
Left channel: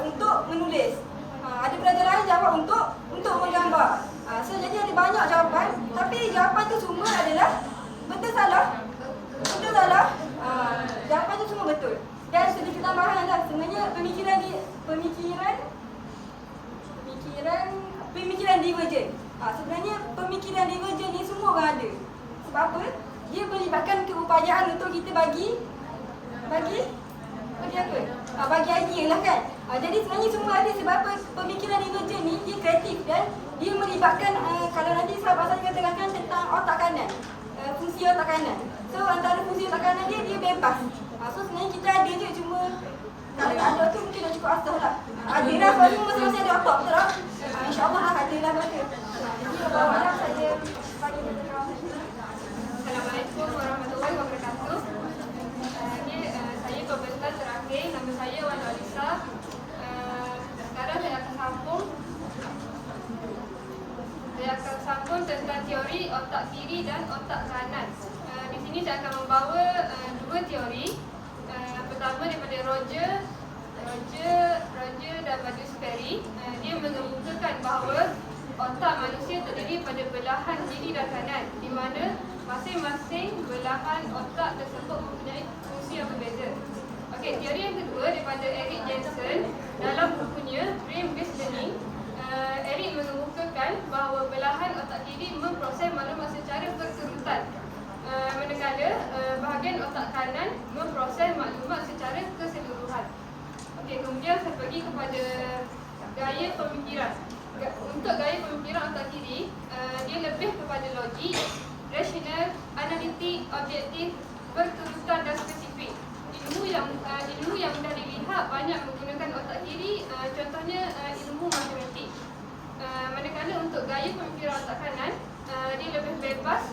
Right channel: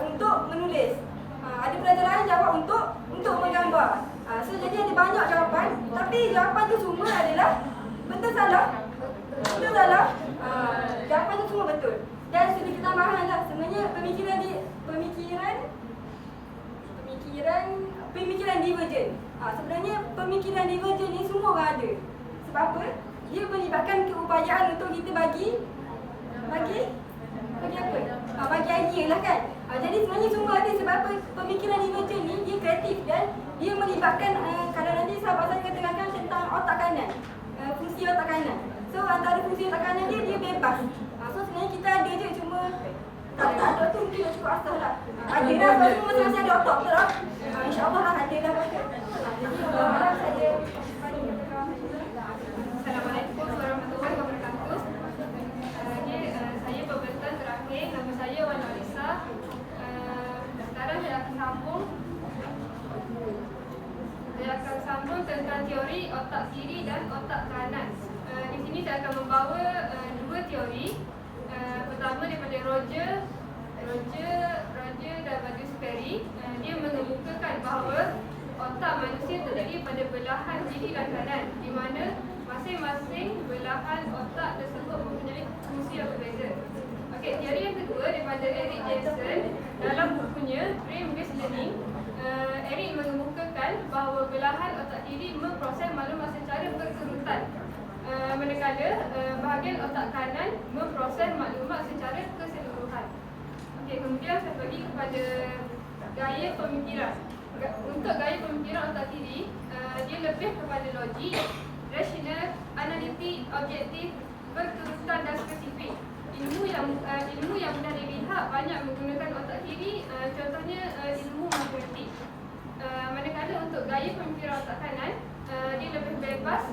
untuk menulis. Ada pelajar lain jawab untuk menggambar. So jadi ada banyak jawapan, tapi jawapan tu semua adalah betul salah. Betul salah. Jawapan tu semua betul. Dan sedikit tambahan lah, sebenarnya pemikiran divergen. Sebenarnya pemikiran divergen ni semua orang ada. Sebab apa? Dia melibatkan keupayaan untuk kita bagi apa? Bagi idea lah kan. Jadi sebenarnya semua ada. Sebab apa? Pemikiran divergen ni dia kreatif dan dia melibatkan kalau nanti saya pasal katakan tentang otak kanan, fungsi otak kanan. So antara fungsi otak kanan dia bebas. So sebenarnya kita ada je, cuma kalau tak ada tu mungkin dah cukup asal lah. Ada dah, sebab masing-masing ada otak betul lah. InsyaAllah lah ada dah baca. Jadi harap saya bagi keterangan. Assalamualaikum warahmatullahi wabarakatuh. Saya pembentan terakhir, nama saya Wan Alisa. Sekarang saya akan sambung tentang teori otak kiri dan otak kanan. Di sini saya akan membawa dua teori. Pertama daripada Roger dan Magnus Perry. Dia mengemukakan bahawa otak manusia terdiri pada belahan kiri dan kanan, di mana masing-masing belahan otak tersebut mempunyai fungsi yang berbeza. Okey, teori yang kedua daripada Eric Jensen dalam bukunya Brain-Based Learning. Eric mengemukakan bahawa belahan otak kiri memproses maklumat secara berturutan, manakala bahagian otak kanan memproses maklumat secara keseluruhan. Okey, kemudian saya pergi kepada gaya pemikiran. Untuk gaya pemikiran otak kiri, dia lebih kepada logik, rasional, analitik, objektif, berturutan dan spesifik. Ilmu yang mudah dilihat banyak menggunakan otak kiri, contohnya ilmu matematik. Manakala untuk gaya pemikiran otak kanan, dia lebih bebas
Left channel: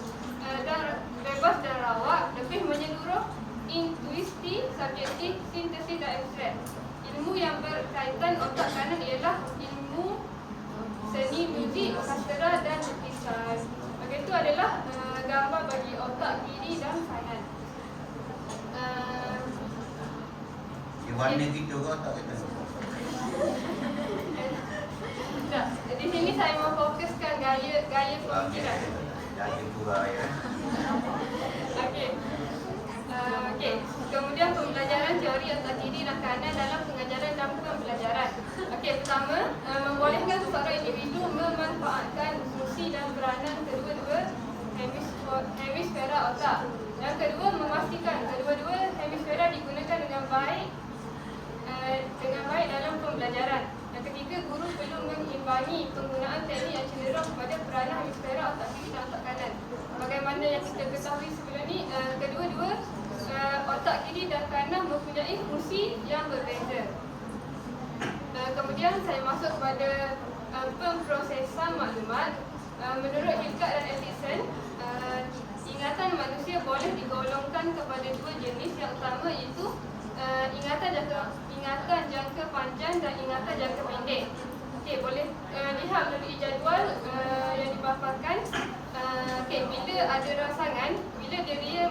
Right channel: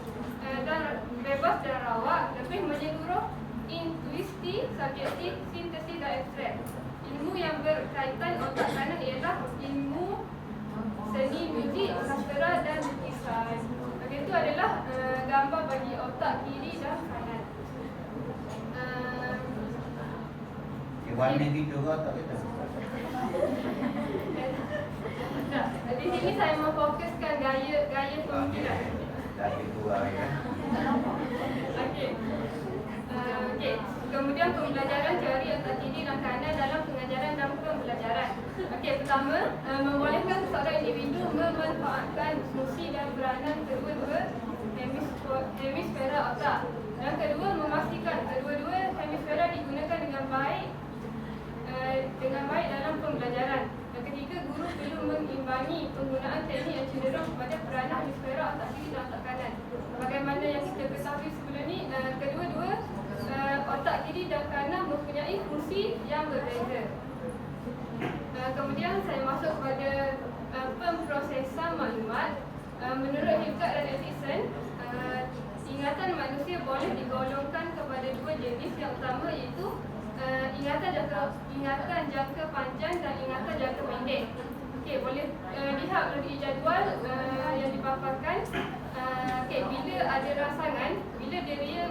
dan rawak, lebih menyeluruh, intuisi, subjektif, sintesis dan abstrak. Ilmu yang berkaitan otak kanan ialah ilmu seni, muzik, sastera dan lukisan. Itu adalah gambar bagi otak kiri dan kanan. Warna gitu ke tak kita? Di sini saya memfokuskan gaya pemikiran. Jadi dua ya. Okey. Kemudian pembelajaran teori otak kiri dan kanan dalam pengajaran dan pembelajaran. Okey, pertama, membolehkan seseorang individu memanfaatkan fungsi dan peranan kedua-dua hemisfera otak. Yang kedua, memastikan kedua-dua hemisfera digunakan dengan baik dalam pembelajaran. Yang ketiga, guru perlu mengimbangi penggunaan teknik yang cenderung kepada peranan hemisfera otak kiri dan otak kanan. Bagaimana yang kita ketahui sebelum ni, kedua-dua kemudian saya masuk kepada pemprosesan maklumat. Menurut Hilgard dan Edison, ingatan manusia boleh digolongkan kepada dua jenis. Yang utama iaitu ingatan jangka panjang dan ingatan jangka pendek. Okey, boleh lihat melalui jadual yang dipaparkan. Okey, bila ada rangsangan, bila dia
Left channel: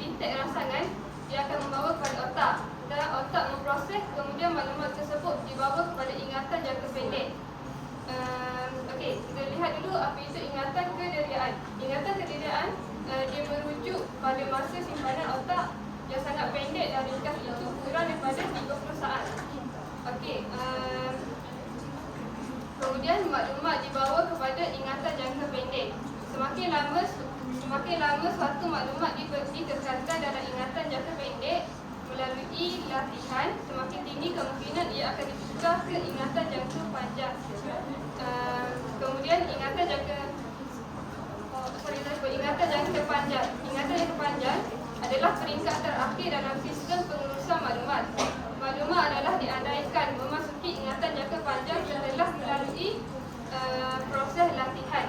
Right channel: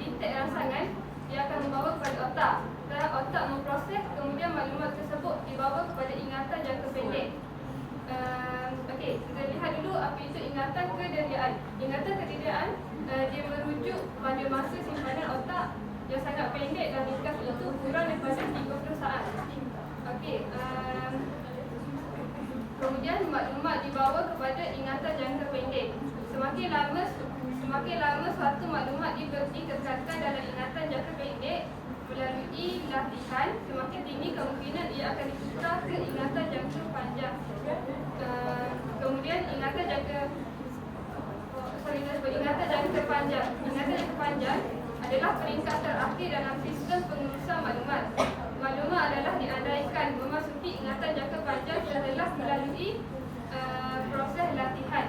detect rangsangan, dia akan membawa kepada otak. Dan otak memproses, kemudian maklumat tersebut dibawa kepada ingatan jangka pendek. Okey, kita lihat dulu apa itu ingatan kediriaan. Ingatan kediriaan dia merujuk pada masa simpanan otak yang sangat pendek dan ringkas, itu kurang daripada 30 saat. Okey, kemudian maklumat dibawa kepada ingatan jangka pendek. Semakin lama suatu maklumat dikekalkan dalam ingatan jangka pendek melalui latihan, semakin tinggi kemungkinan ia akan ditukar ke ingatan jangka panjang. Kemudian ingatan jangka panjang. Ingatan jangka panjang adalah peringkat terakhir dalam sistem pengurusan maklumat. Maklumat adalah diandaikan memasuki ingatan jangka panjang setelah melalui proses latihan.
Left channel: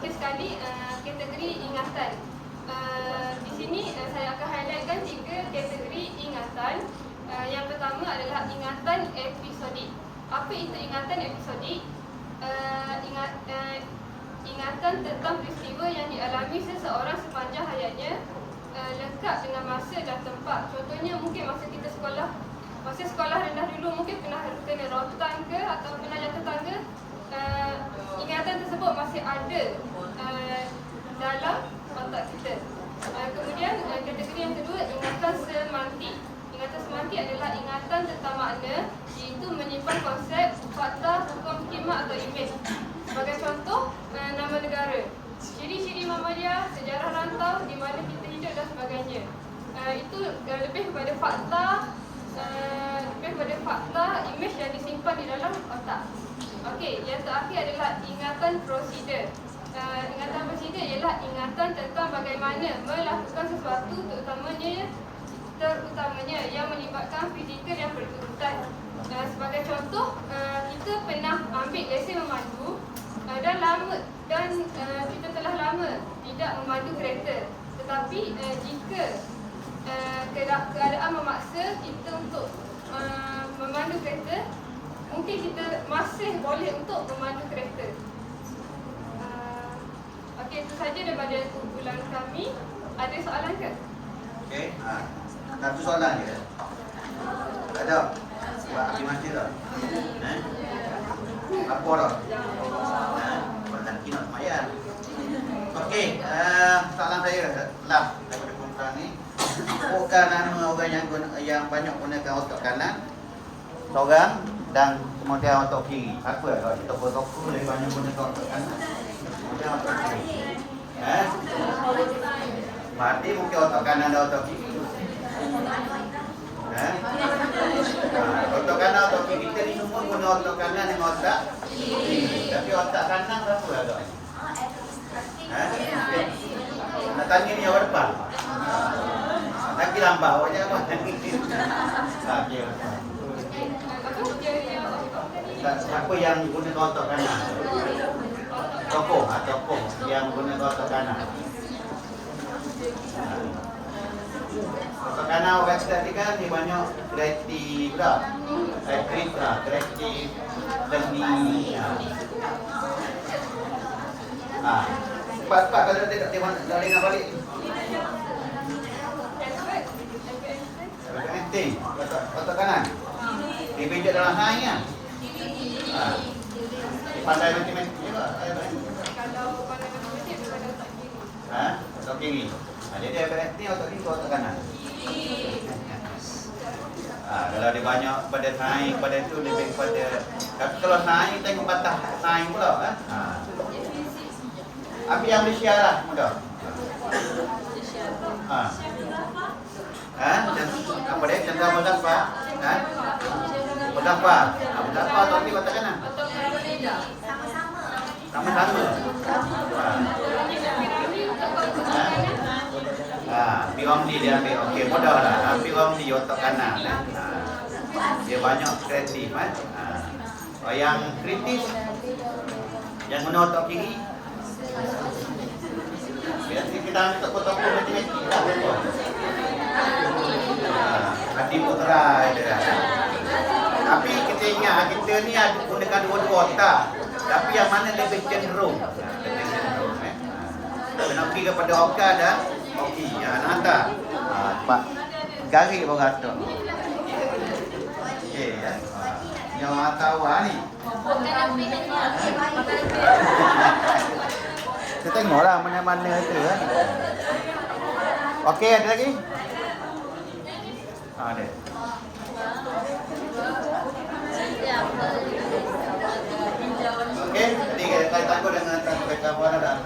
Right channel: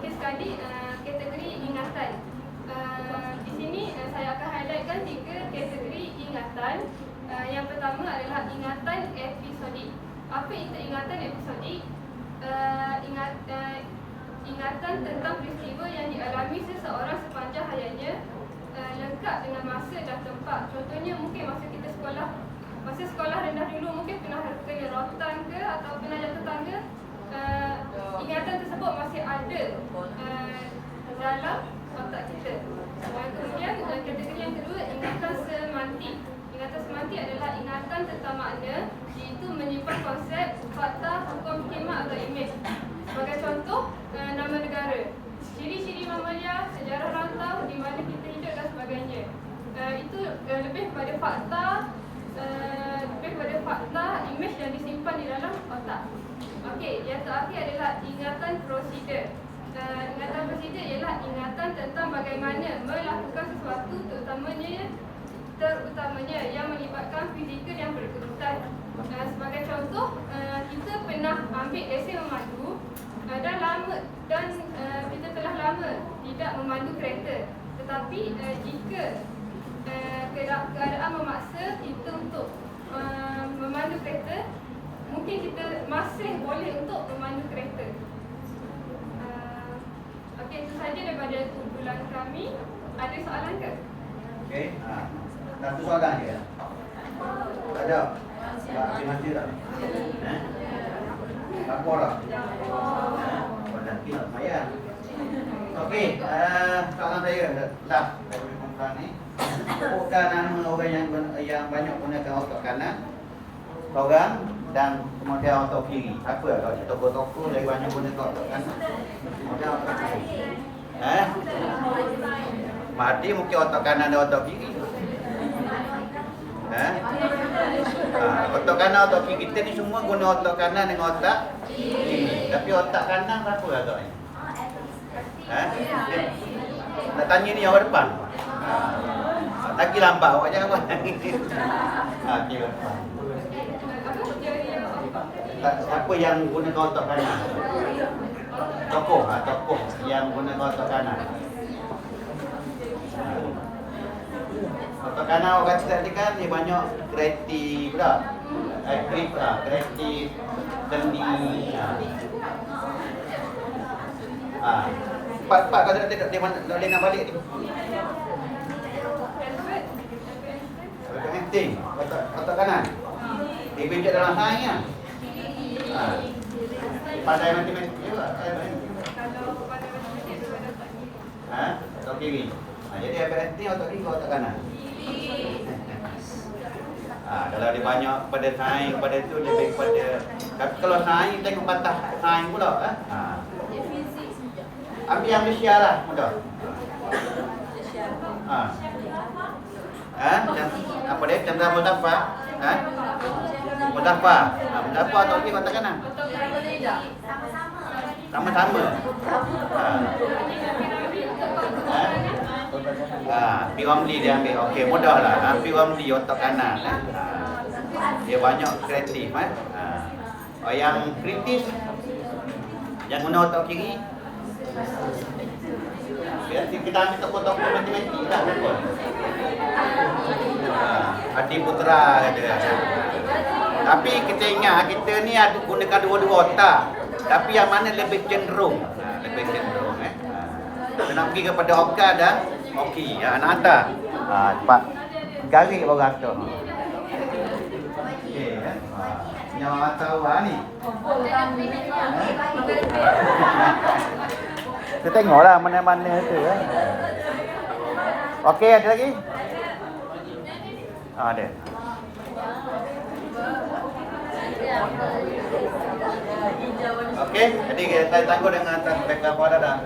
Akhir sekali, kategori ingatan. Di sini saya akan highlightkan 3 kategori ingatan. Yang pertama adalah ingatan episodik. Apa itu ingatan episodik? Ingatan tentang peristiwa yang dialami seseorang sepanjang hayatnya, lengkap dengan masa dan tempat. Contohnya mungkin masa sekolah rendah dulu mungkin pernah kena rotan ke atau pernah jatuh tangga. Ingatan tersebut masih ada dalam otak kita. Kemudian kategori yang kedua, ingatan semantik. Ingatan semantik adalah ingatan tentang makna, iaitu menyimpan konsep, fakta, hukum khidmat atau imej. Sebagai contoh, nama negara, ciri-ciri mamalia, sejarah rantau, di mana kita hidup dan sebagainya. Itu lebih kepada fakta, imej yang disimpan di dalam otak. Okey, yang terakhir adalah ingatan prosedur. Ingatan prosedur ialah ingatan tentang bagaimana melakukan sesuatu, terutamanya yang melibatkan fizikal yang berurutan. Sebagai contoh, kita pernah ambil lesen memandu dan kita telah lama tidak memandu kereta. Tetapi jika keadaan memaksa kita untuk memandu kereta, mungkin kita masih boleh untuk memandu kereta. Okey, itu saja daripada kumpulan kami. Ada soalan ke? Okey, satu soalan je. Tak ada? Sebab dia mesti tak? Apa dah? Kalau nanti nak semayang. Okey, soalan saya lah daripada kumpulan ni. Sebutkan nama orang yang banyak gunakan otak kanan, seorang, dan kemudian otak kiri. Apa kalau dia tokoh-tokoh yang banyak gunakan otak kanan, kemudian otak kiri? Mahdi mungkin otak kanan dan otak kiri. Otak kanan, otak kiri, kita ni semua guna otak kanan dengan otak kiri. Tapi otak kanan apa agaknya? Nak tanya ni awak depan. Lagi lambat awak jangan buat. Okey. Siapa yang gunakan otak kanan? Tokoh yang gunakan otak kanan. Otak kanan orang kata tadi kan dia banyak kreatif pula. Kreatif, seni. Cepat-cepat kalau dia boleh nak balik ni. Penting otak kanan. Dia bijak dalam sains kan. Pandai matematik juga. Kalau pandai matematik ada otak kiri. Otak kiri. Jadi APS ni otak kiri ke otak kanan? Kalau dia banyak pada sains, pada tu lebih kepada. Tapi kalau sains tengok patah sains pula. Ambil yang Malaysia lah mudah. Apa dia? Chandra Muzaffar. Muzaffar otak kiri otak kanan. Sama-sama. POMD dia ambil. Okey, mudahlah. POMD otak kanan. Dia banyak kreatif. Yang kritis yang guna otak kiri. Biasa kita ambil tokoh-tokoh matematik lah. Adi Putra dia. Tapi kita ingat kita ni ada gunakan dua-dua otak. Tapi yang mana lebih cenderung? Lebih cenderung. Kena pergi kepada Oka dan Oki. Nak hantar. Cepat. Garis orang hantar. Okey ya. Yang orang hantar awak ni. Kita tengoklah mana-mana itu. Okey, ada lagi? Ada. Okey, jadi kita tangguh dengan gambar dah.